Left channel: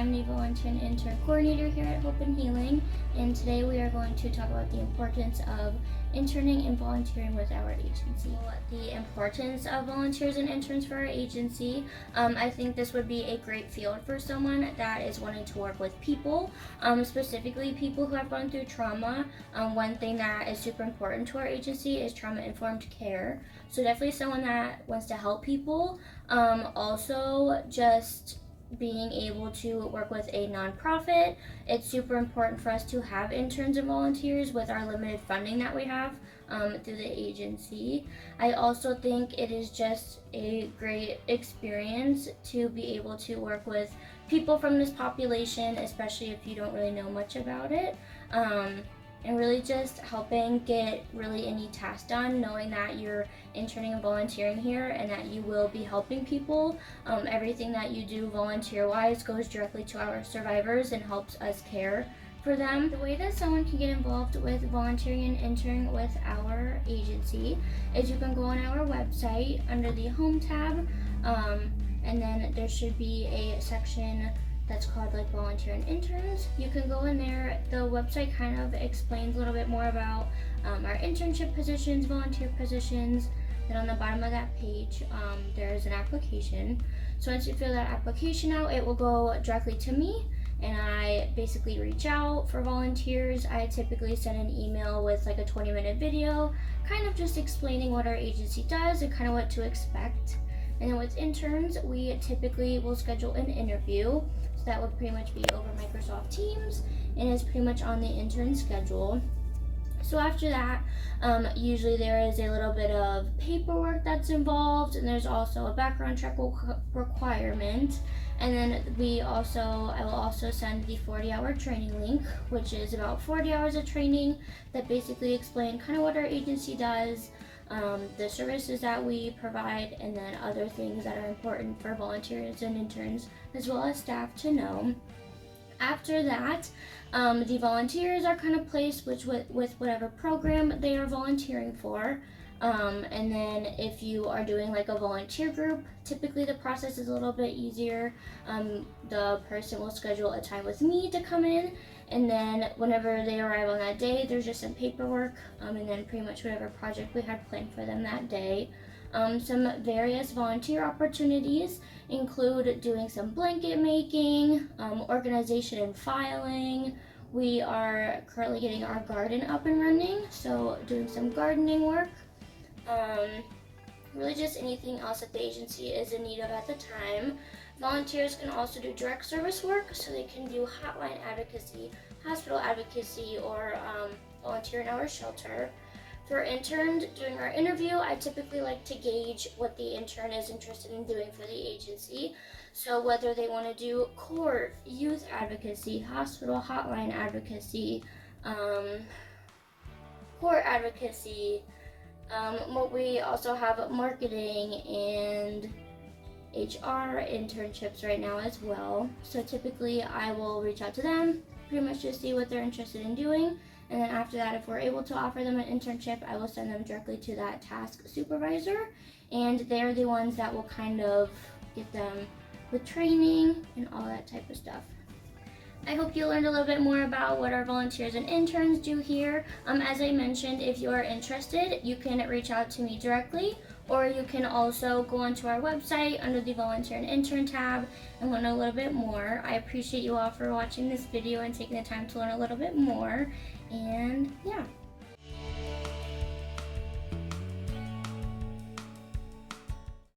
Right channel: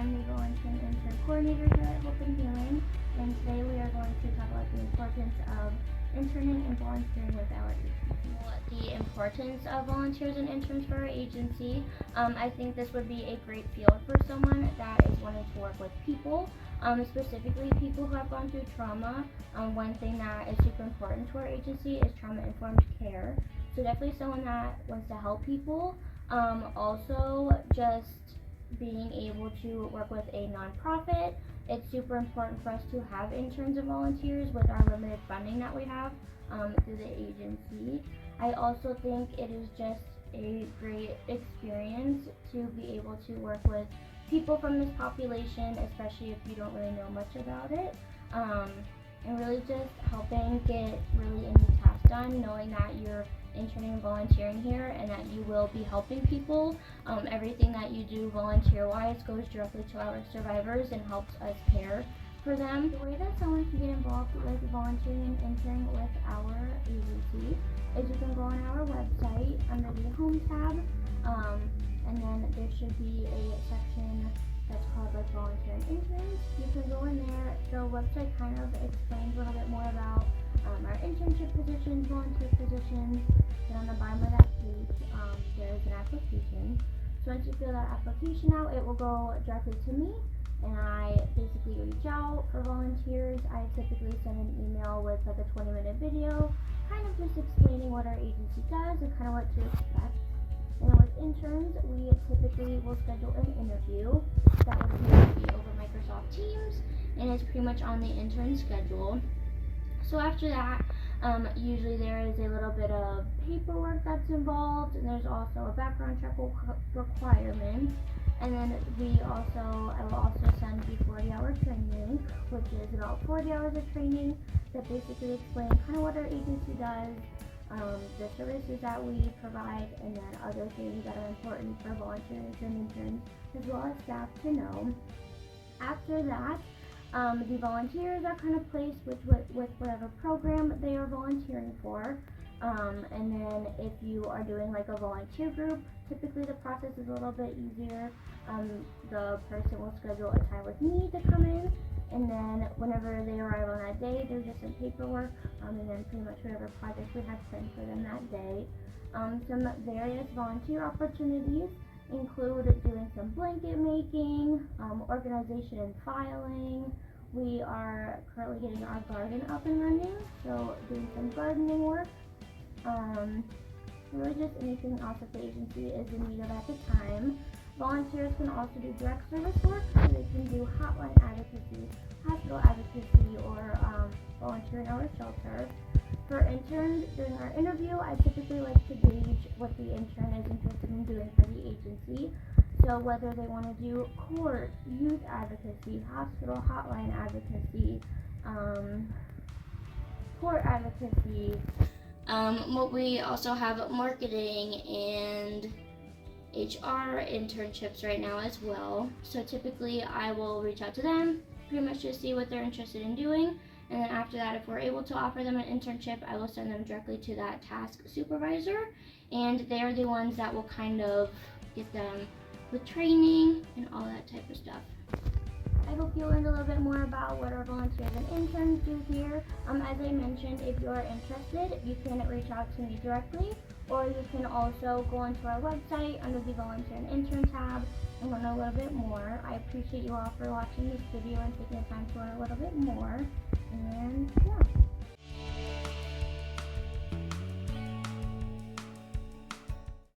I'm the volunteer and intern coordinator here at Hope and Healing, and today we are going to talk about the importance of interning and volunteering with our agency. The importance of volunteers and interns for our agency. I think this would be a great field for someone that is wanting to work with people, specifically people who have gone through trauma. One thing that is super important to our agency is trauma-informed care. So definitely someone that wants to help people. Also just being able to work with a nonprofit. It's super important for us to have interns and volunteers with our limited funding that we have through the agency. I also think it is just a great experience to be able to work with people from this population, especially if you don't really know much about it. And really just helping get really any task done, knowing that you're interning and volunteering here and that you will be helping people. Everything that you do volunteer-wise goes directly to our survivors and helps us care for them. The way that someone can get involved with volunteering and interning with our agency is you can go on our website under the Home tab, and then there should be a section that's called like volunteer and interns. You can go in there. The website kind of explains a little bit more about our internship positions, volunteer positions. Then on the bottom of that page, there's an application. So once you fill that application out, it will go directly to me, and I basically reach out for volunteers. I typically send an email with like a 20-minute video, kind of just explaining what our agency does and kind of what to expect. And then with interns, we typically will schedule an interview that would pretty much be over Microsoft Teams and is pretty much on the intern schedule. So after that, usually there is a little bit of paperwork that's involved, and there's also a background check requirement. And then I will also send the 40-hour training link, which is about 40 hours of training that basically explain kind of what our agency does, the services that we provide, and then other things that are important for volunteers and interns as well as staff to know. After that, the volunteers are kind of placed with whatever program they are volunteering for. And then if you are doing like a volunteer group, typically the process is a little bit easier. The person will schedule a time with me to come in, and then whenever they arrive on that day, there's just some paperwork, and then pretty much whatever project we had planned for them that day. Some various volunteer opportunities include doing some blanket making, organization and filing. We are currently getting our garden up and running, so doing some gardening work. Really just anything else that the agency is in need of at the time. Volunteers can also do direct service work, so they can do hotline advocacy, hospital advocacy, or volunteer in our shelter. For interns, during our interview, I typically like to gauge what the intern is interested in doing for the agency. So whether they want to do court, youth advocacy, hospital hotline advocacy, court advocacy. We also have marketing and HR internships right now as well. So typically I will reach out to them, pretty much just see what they're interested in doing. And then after that, if we're able to offer them an internship, I will send them directly to that task supervisor. And they're the ones that will kind of get them with training and all that type of stuff. I hope you learned a little bit more about what our volunteers and interns do here. As I mentioned, if you are interested, you can reach out to me directly, or you can also go onto our website under the volunteer and intern tab and learn a little bit more. I appreciate you all for watching this video and taking the time to learn a little bit more. And yeah.